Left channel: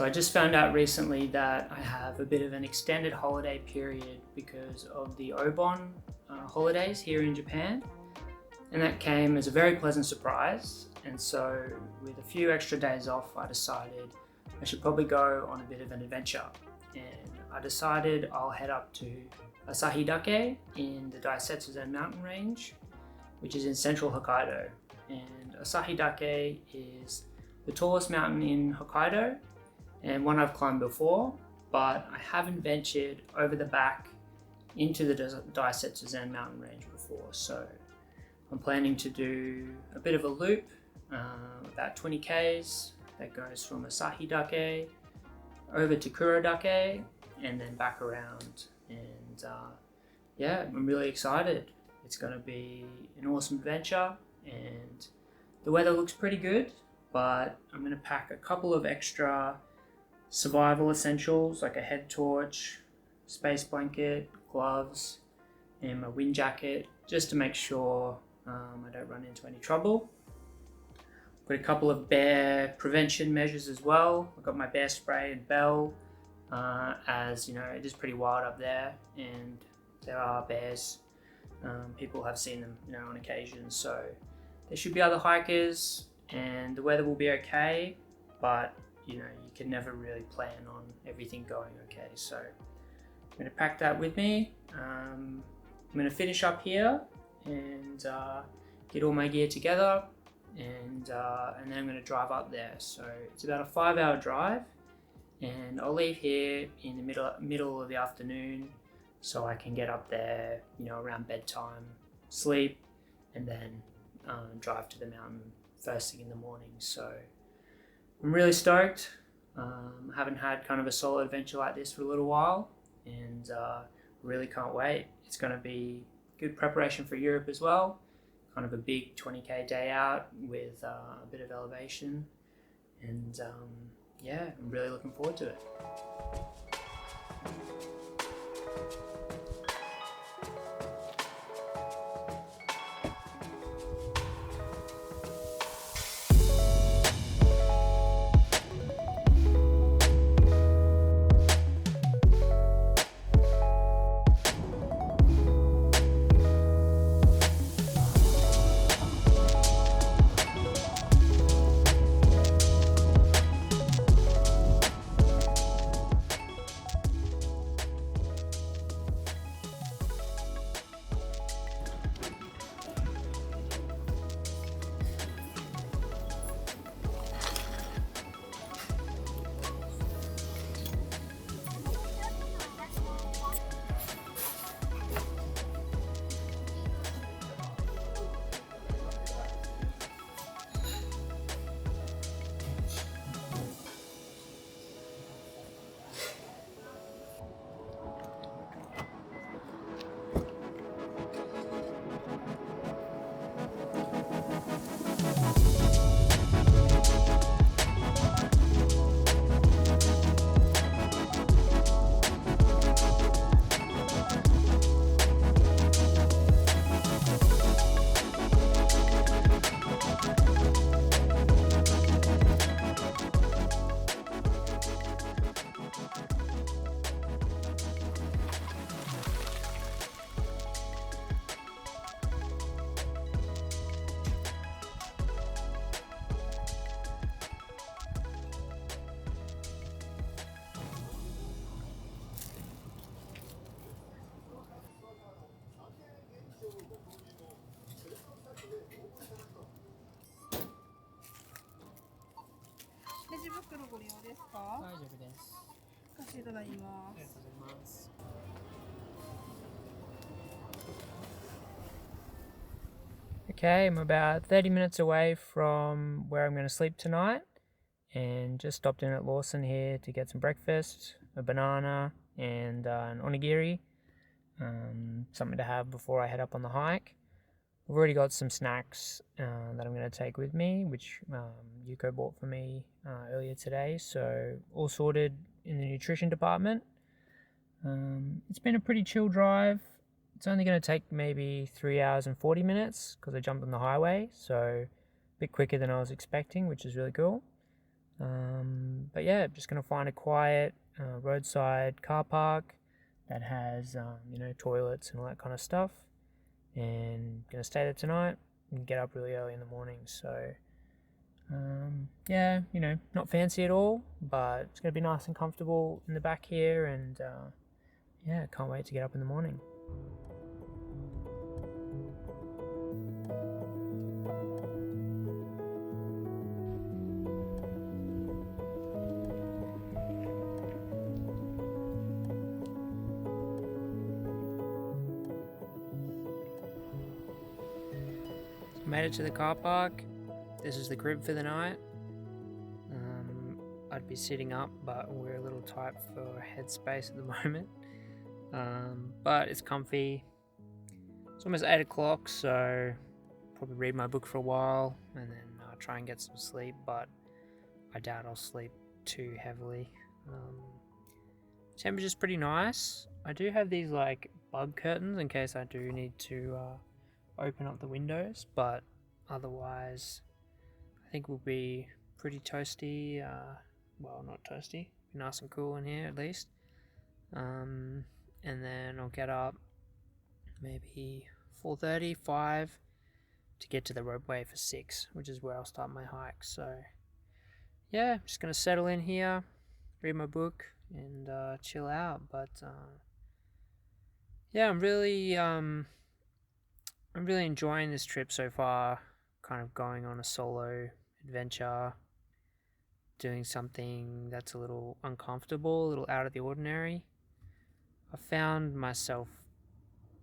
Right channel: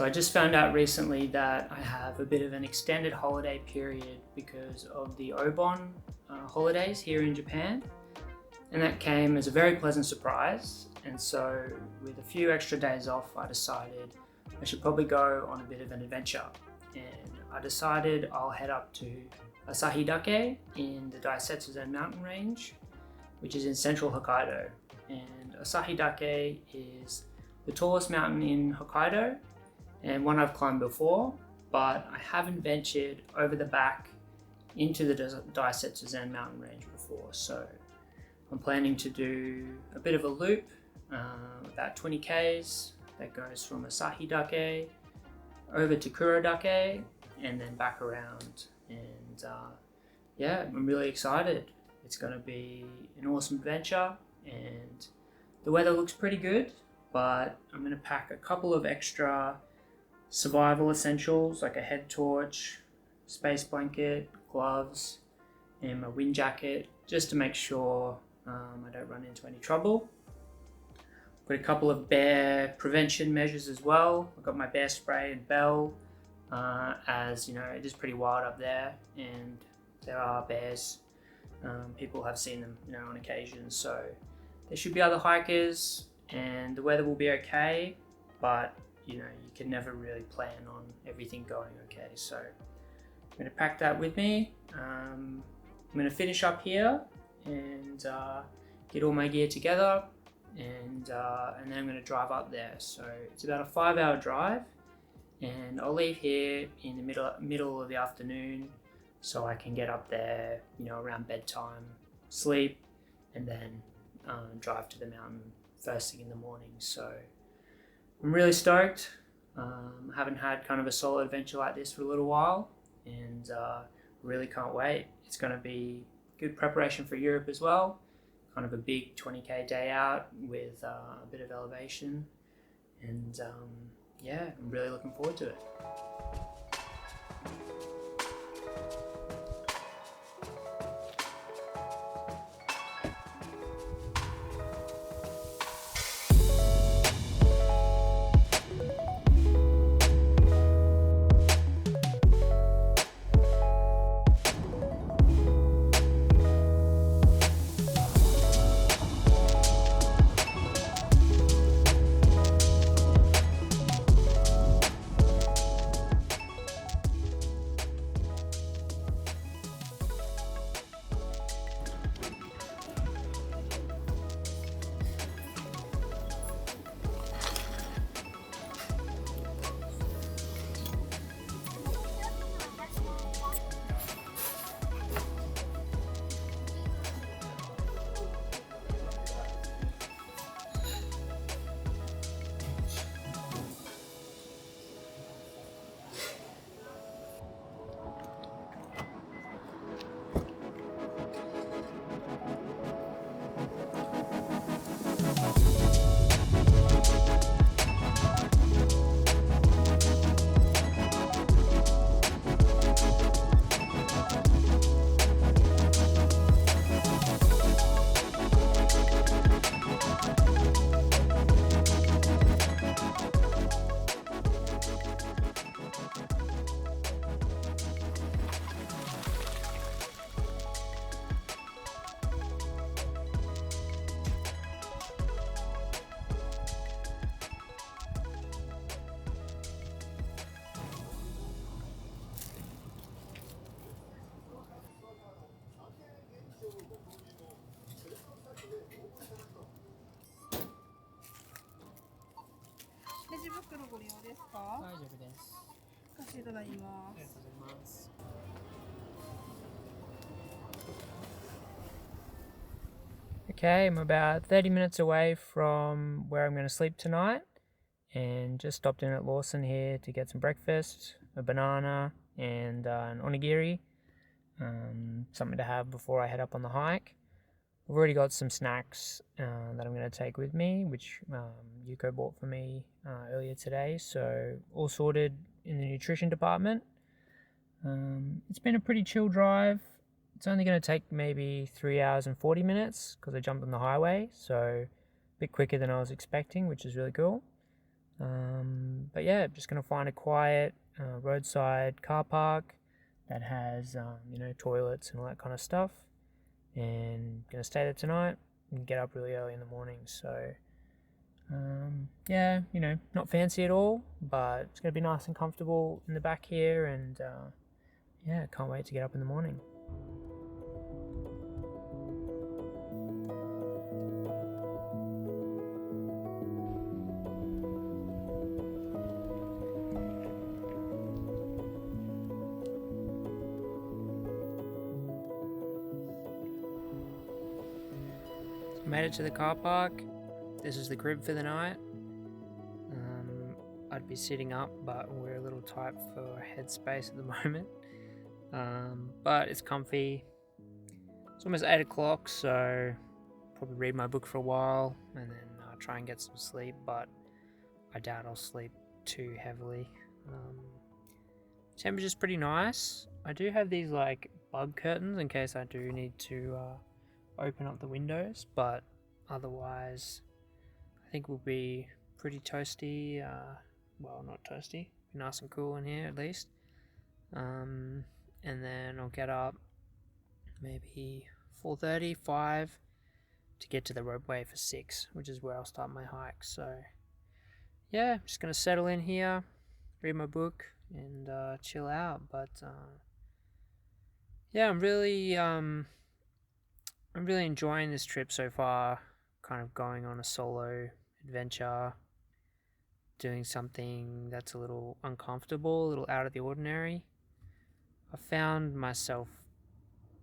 So I just found out recently that I have a bit of an extended holiday period because of the Obon holidays here in Japan. And that came as a very pleasant surprise. And so with a few extra days off, I decided I should probably go on a bit of an adventure. And I decided I'll head up to Asahidake in the Daisetsuzan mountain range, which is in central Hokkaido. And Asahidake is the tallest mountain in Hokkaido and one I've climbed before, but I haven't ventured over the back into the Daisetsuzan mountain range before. So I'm planning to do a bit of a loop, about 20 k's, that goes from Asahidake over to Kurodake and then back around. And yeah, I'm really excited. It's going to be an awesome adventure and the weather looks pretty good, but I'm going to pack a couple of extra survival essentials like a head torch, space blanket, gloves, and my wind jacket just to make sure I don't run into any trouble. Got a couple of bear prevention measures as well. I've got my bear spray and bell, as you know, it is pretty wild up there and there are bears. People have seen them, on occasion, so there should be other hikers and the weather will be okay, but you can never really plan on everything going okay. So I'm going to pack that with me. I'm going to finish up here and get all my gear together, and then I'm going to drive up there. So it's about a 5-hour drive, and I'll leave here in the middle of the afternoon so I can get up there, around bedtime, sleep, and then drive to the mountain first thing in the morning. So I'm really stoked. I haven't had kind of a solo adventure like this for a little while, and really can't wait. It's going to be good preparation for Europe as well. Kind of a big 20k day out with a bit of elevation, and yeah, I'm really looking forward to it. Okay, I'm about 30 minutes away from where I'm going to sleep tonight, and just stopped in at Lawson here to get some breakfast, a banana and an onigiri, something to have before I head up on the hike. I've already got some snacks that I'm going to take with me, which Yuko bought for me earlier today, so all sorted in the nutrition department. It's been a pretty chill drive. It's only going to take maybe 3 hours and 40 minutes because I jumped on the highway, so a bit quicker than I was expecting, which is really cool. But yeah, just going to find a quiet roadside car park that has, toilets and all that kind of stuff. And going to stay there tonight and get up really early in the morning. So, yeah, not fancy at all, but it's going to be nice and comfortable in the back here. And yeah, can't wait to get up in the morning. Made it to the car park. This is the crib for the night. I'd be sitting up, but we're a little tight for headspace at the moment. But it's comfy. It's almost 8 o'clock, so probably read my book for a while and then try and get some sleep, but I doubt I'll sleep too heavily. Temperature's pretty nice. I do have these like bug curtains in case I do need to open up the windows, but otherwise I think we'll be pretty toasty. Well, not toasty, be nice and cool in here at least. And then I'll get up maybe 4:30, 5 to get to the roadway for 6, which is where I'll start my hike. So yeah, I'm just gonna settle in here, read my book, and chill out. But yeah, I'm really enjoying this trip so far. Kind of going on a solo adventure, doing something that's a little uncomfortable, a little out of the ordinary. I found myself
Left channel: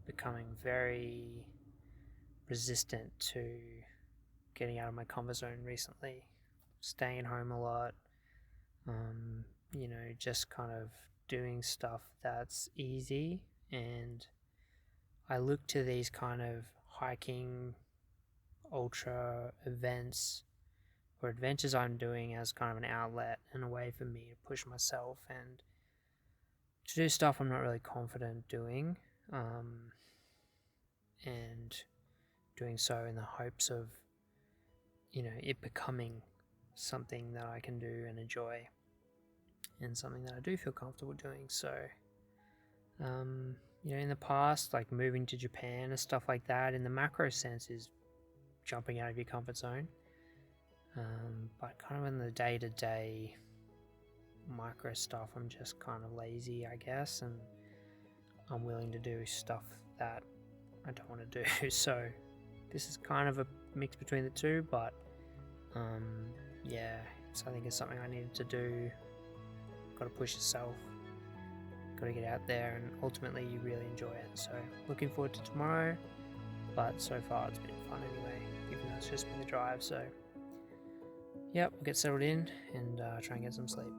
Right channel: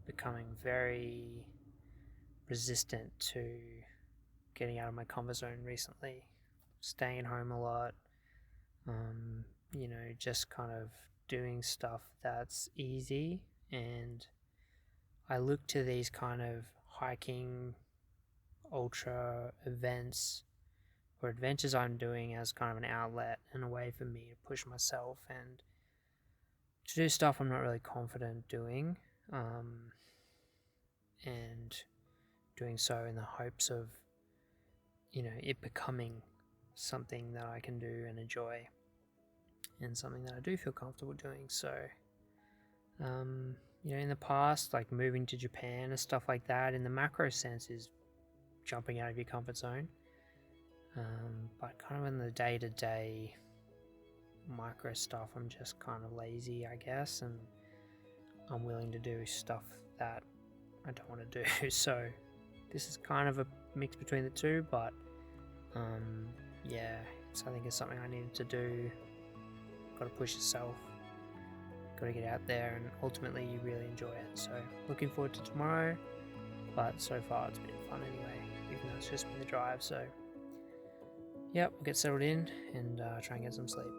becoming very resistant to getting out of my comfort zone recently, staying at home a lot, just kind of doing stuff that's easy. And I look to these kind of hiking ultra events or adventures I'm doing as kind of an outlet and a way for me to push myself and to do stuff I'm not really confident doing, and doing so in the hopes of it becoming something that I can do and enjoy and something that I do feel comfortable doing. So in the past, like moving to Japan and stuff like that, in the macro sense is jumping out of your comfort zone, but kind of in the day-to-day micro stuff, I'm just kind of lazy, I guess, and I'm willing to do stuff that I don't want to do. So this is kind of a mix between the two, but yeah, I think it's something I needed to do. Got to push yourself, got to get out there, and ultimately you really enjoy it. So looking forward to tomorrow, but so far it's been fun anyway, even though it's just been the drive. So yep, we'll get settled in and try and get some sleep.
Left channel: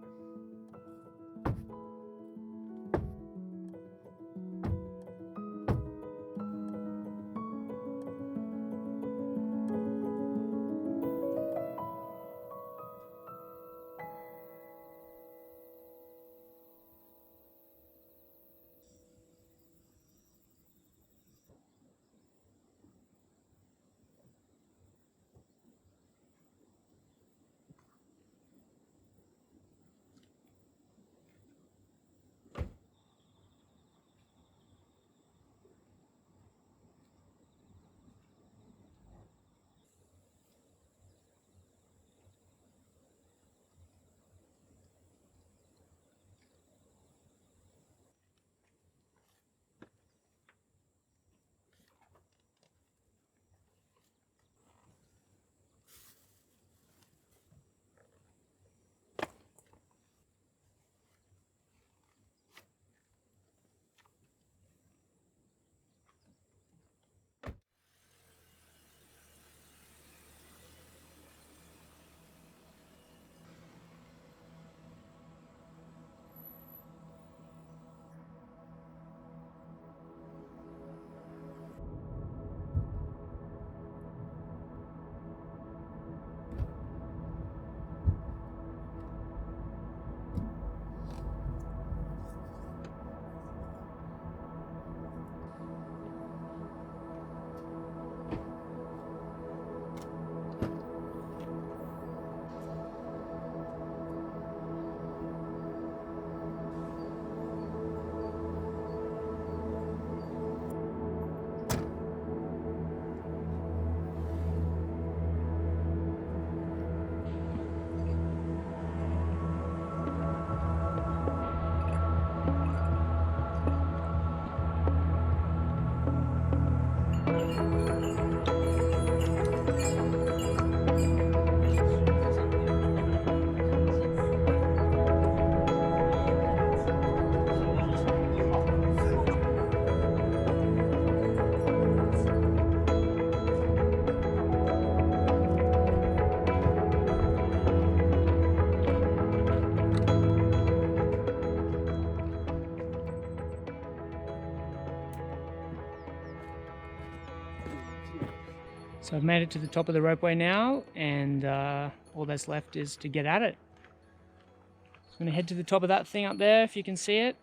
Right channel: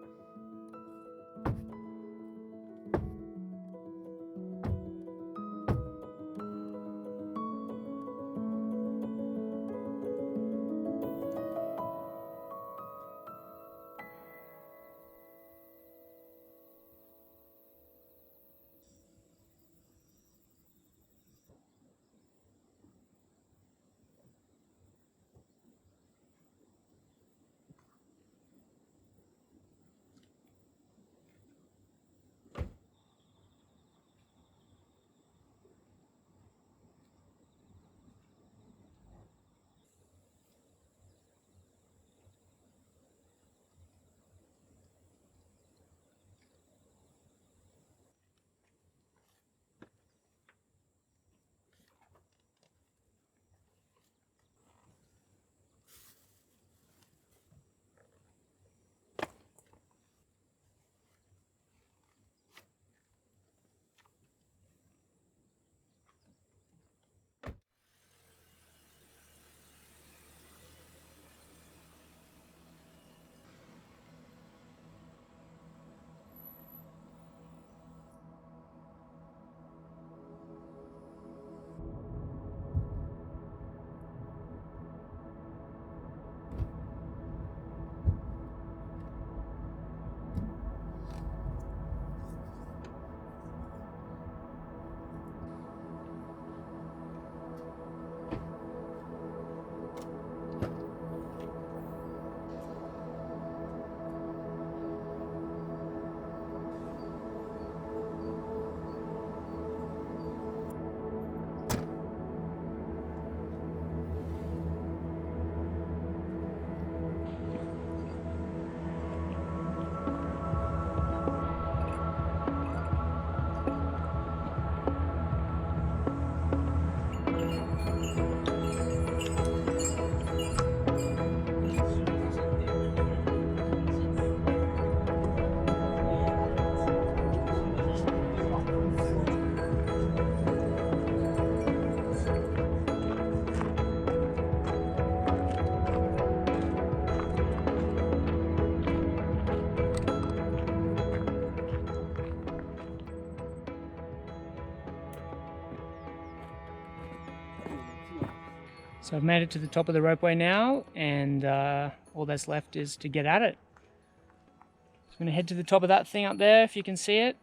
So I've made it to the top of the ropeway now, and all that's left is to get at it. So I'm going to head to the top of that thing up there, if you can see it,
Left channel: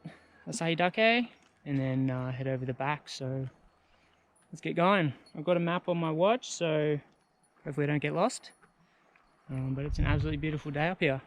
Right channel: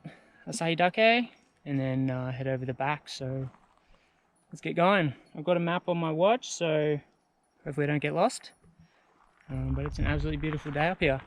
Asahidake, and then head over the back. So let's get going. I've got a map on my watch, so hopefully I don't get lost. But it's an absolutely beautiful day up here.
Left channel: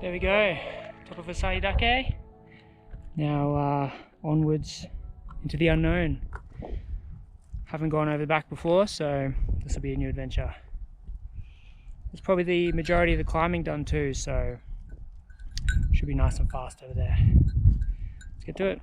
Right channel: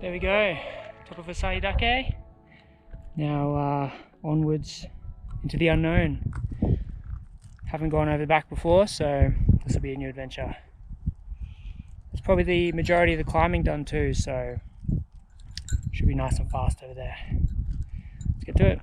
There we go, top of Asahidake. Now onwards into the unknown. Haven't gone over the back before, so this will be a new adventure. There's probably the majority of the climbing done too, so should be nice and fast over there. Let's get to it.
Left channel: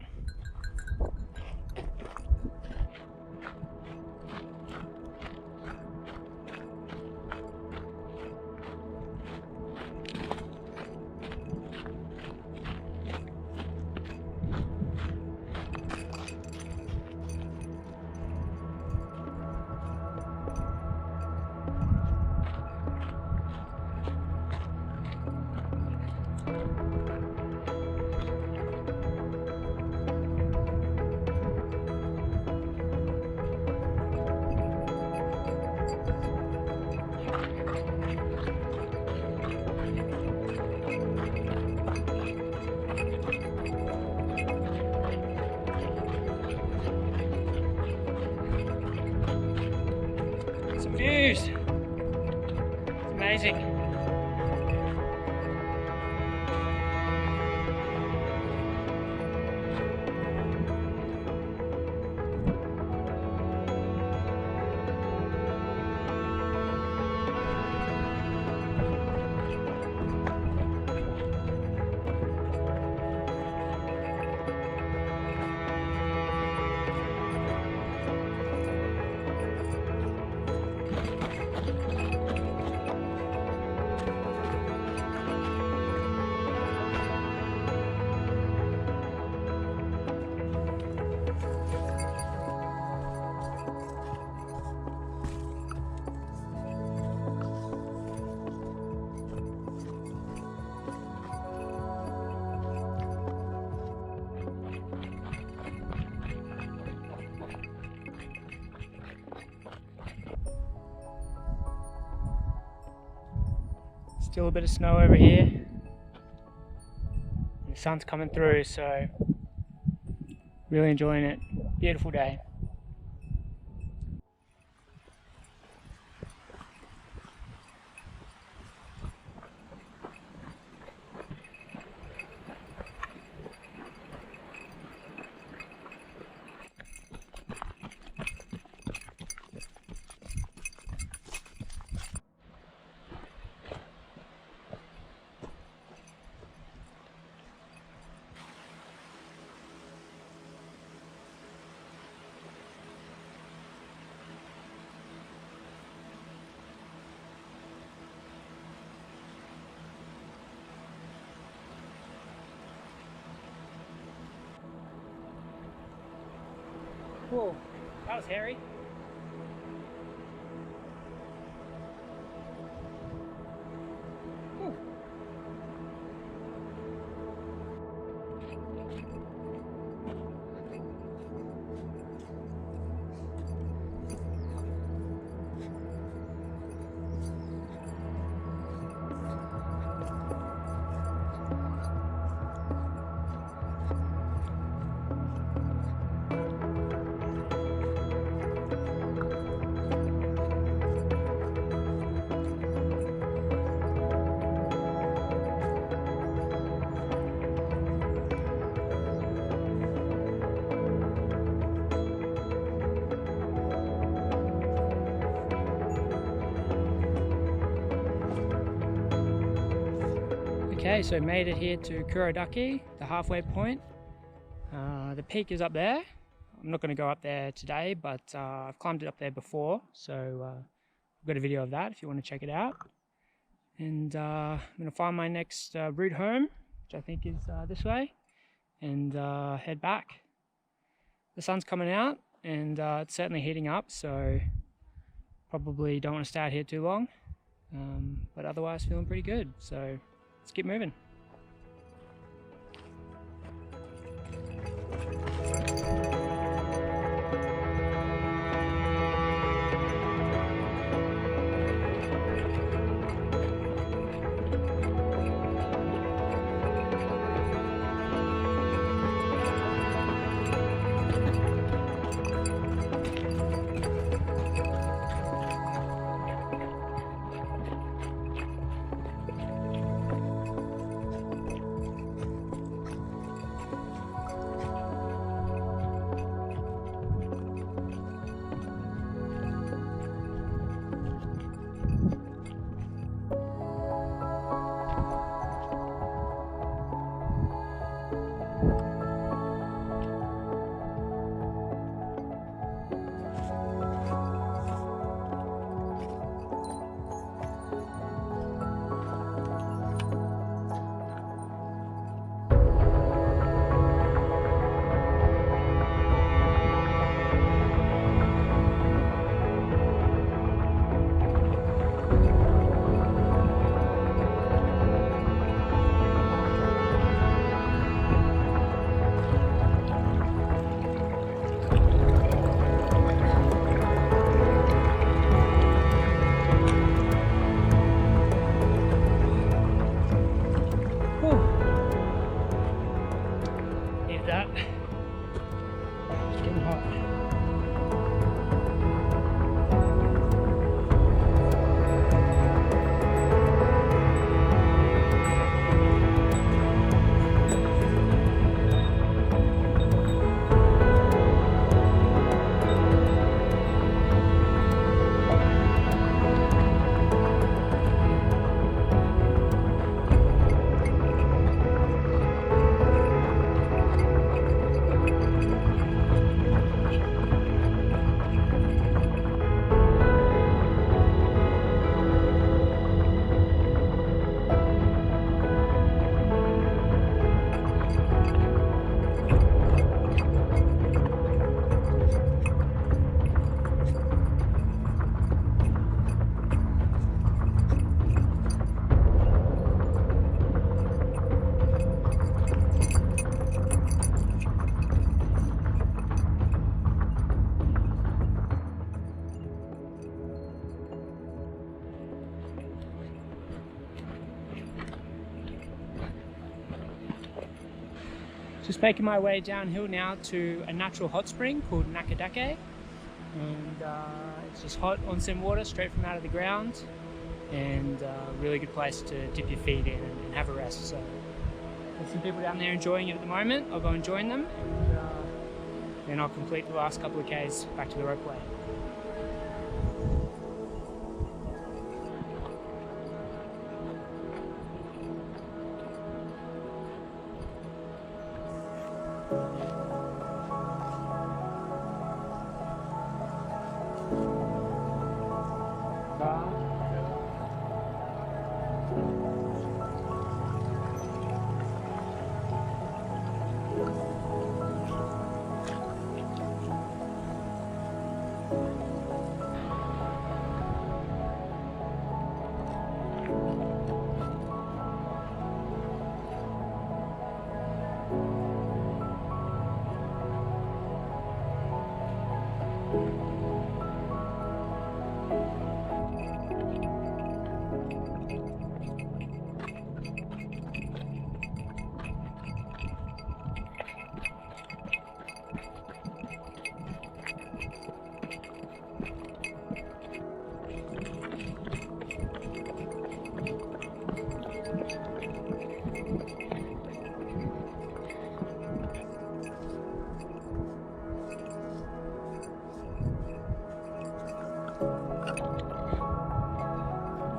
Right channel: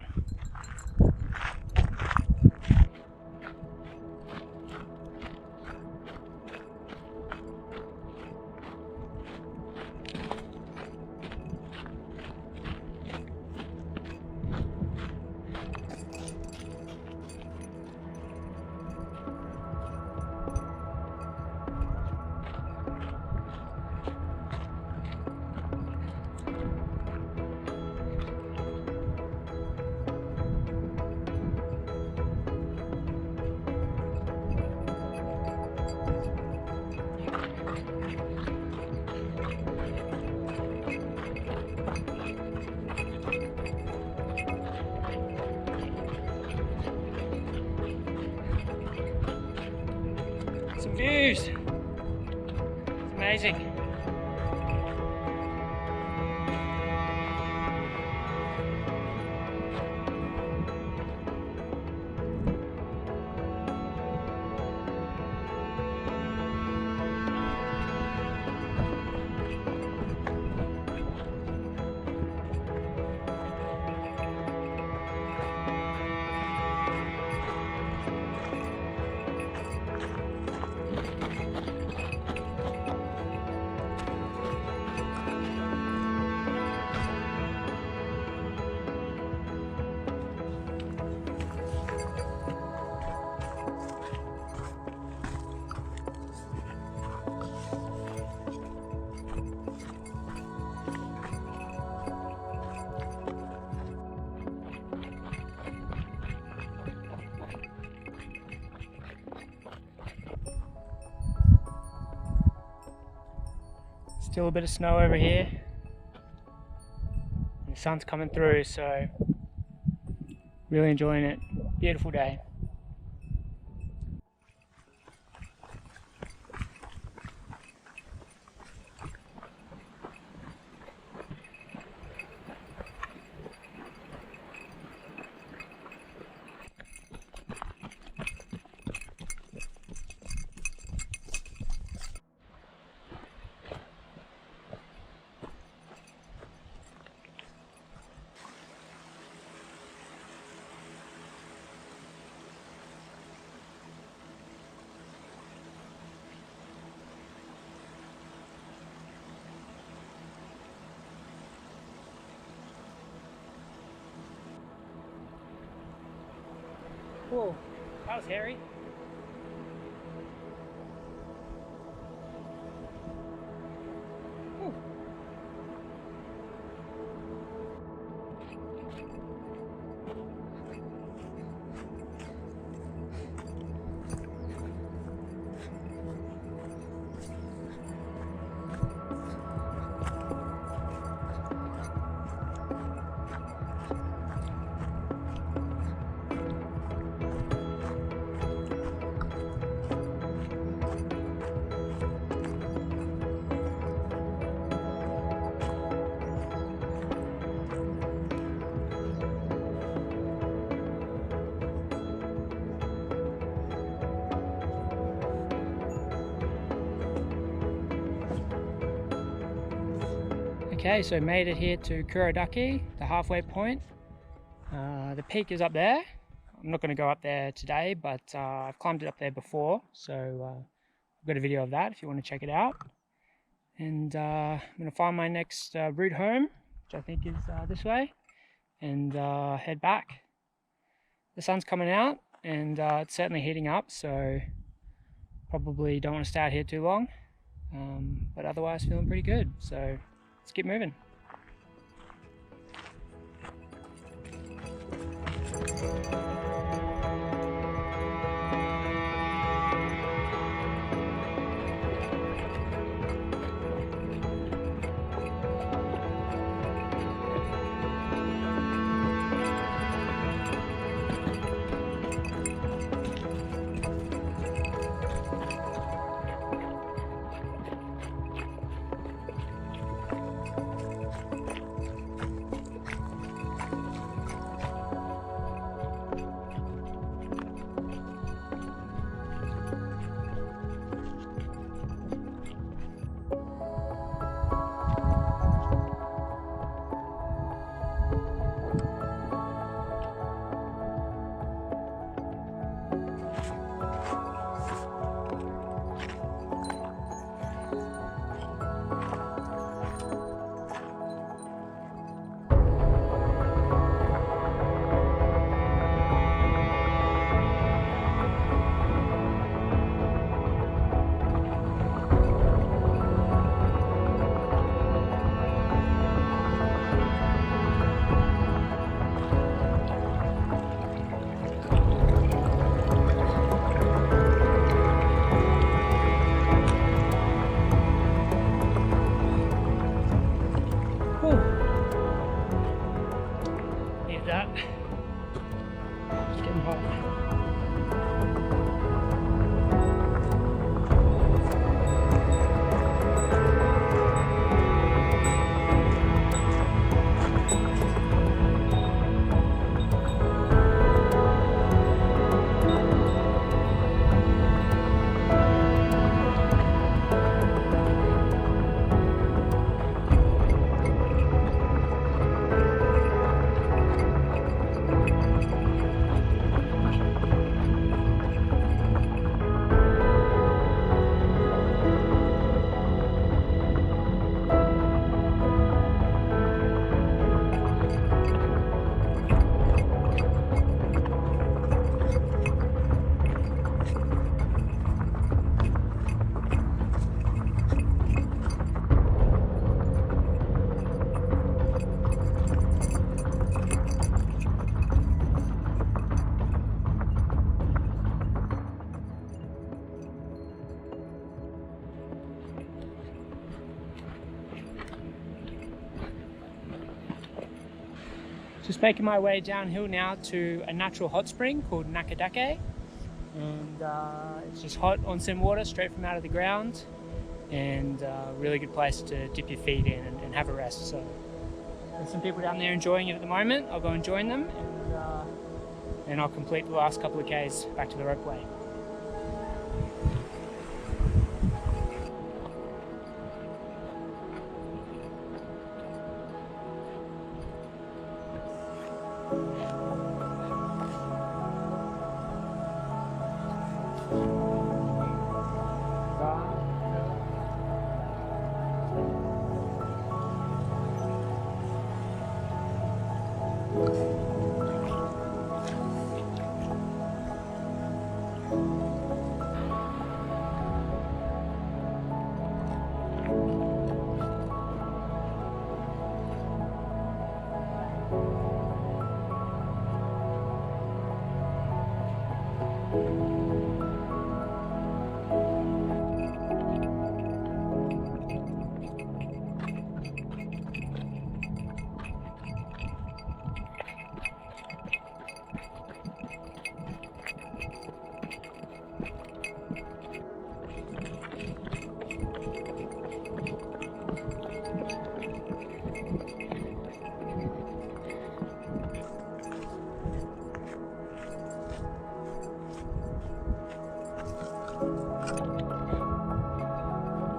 Some views. It's amazing. Still a bit of snow over here. The sun's coming through, so really enjoying it. Beautiful day. Whoa, that was hairy. Whew. Okay, so made it here to Kurodake, the halfway point. The peak is up there. I'm not going to go up there today, but I've climbed it up there before, so I've got a video of that if you want to check it out. And I'm going to find my next route home, which I think is this way, and head back. The sun's coming out, and it's certainly heating up, so probably don't want to stay out here too long. But otherwise feeling pretty good, so let's keep moving. Need that. It's getting hot. Just making my way downhill now to a natural hot spring called Asahidake, and it's just hot onsen water straight from out of the ground, and a really good place to dip your feet in and have a rest. So there's some people down there enjoying it at the moment. I'll go and join them, and then I'll complete the last couple of Ks back to the ropeway.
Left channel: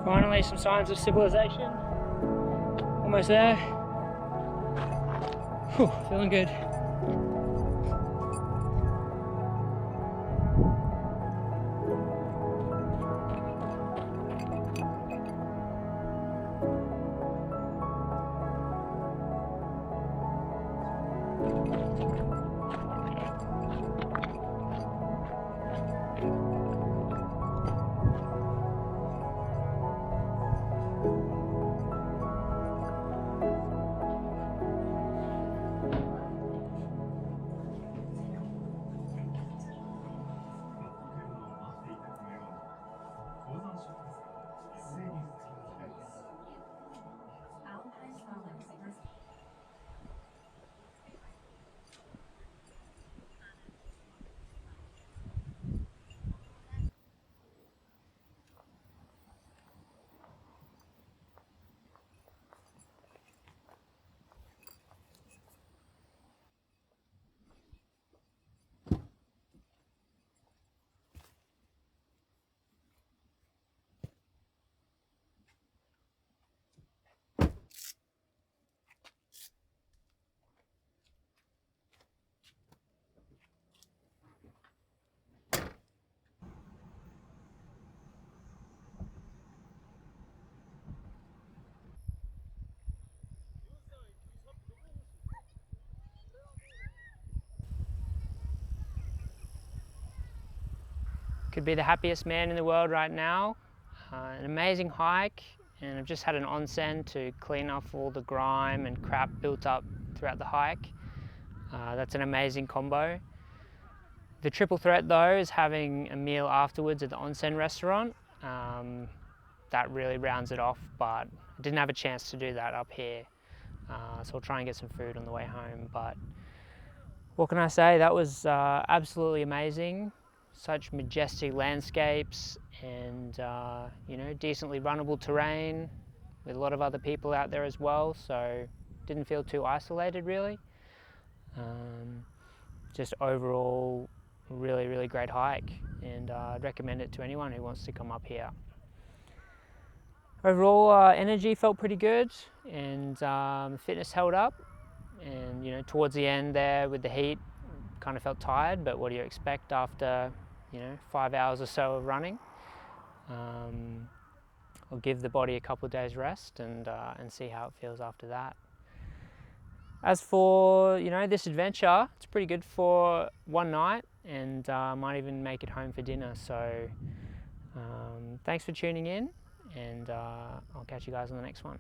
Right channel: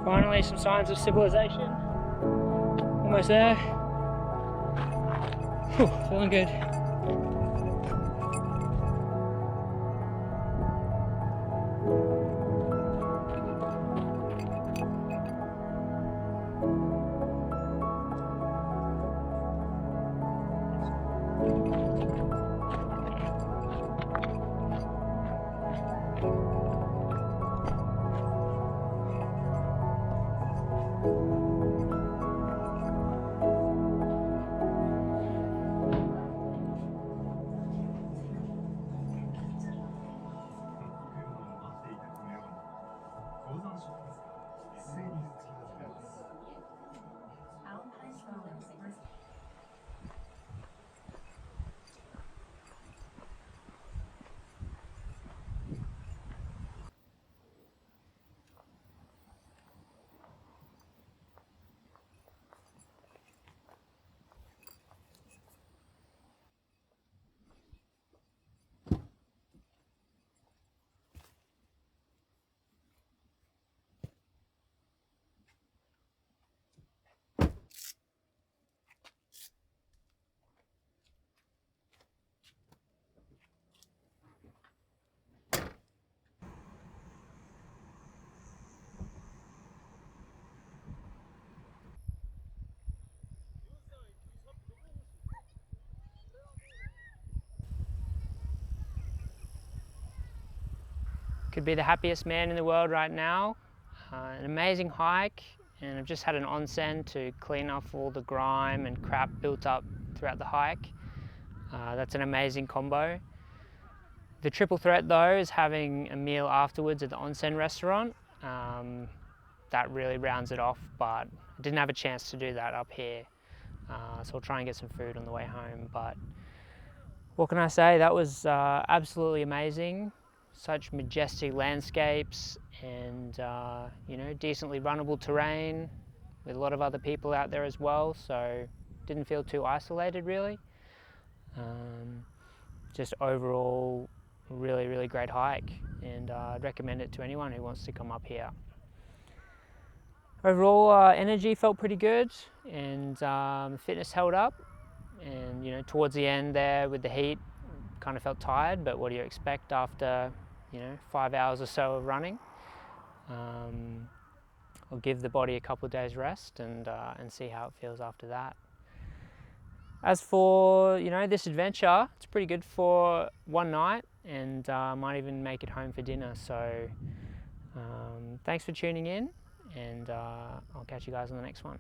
Finally, some signs of civilization. Almost there. Whew, feeling good. Could be the happiest man in the world right now. An amazing hike, and I've just had an onsen to clean off all the grime and crap built up throughout the hike. That's an amazing combo. The triple threat though is having a meal afterwards at the onsen restaurant. That really rounds it off, but I didn't have a chance to do that up here. So I'll try and get some food on the way home. But what can I say? That was absolutely amazing. Such majestic landscapes and you know, decently runnable terrain with a lot of other people out there as well, so didn't feel too isolated really. Just overall really great hike, and I'd recommend it to anyone who wants to come up here. Overall energy felt pretty good, and fitness held up, and you know, towards the end there with the heat kind of felt tired, but what do you expect after, you know, 5 hours or so of running? I'll give the body a couple of days rest and see how it feels after that. As for, you know, this adventure, it's pretty good for one night, and might even make it home for dinner. So thanks for tuning in, and I'll catch you guys on the next one.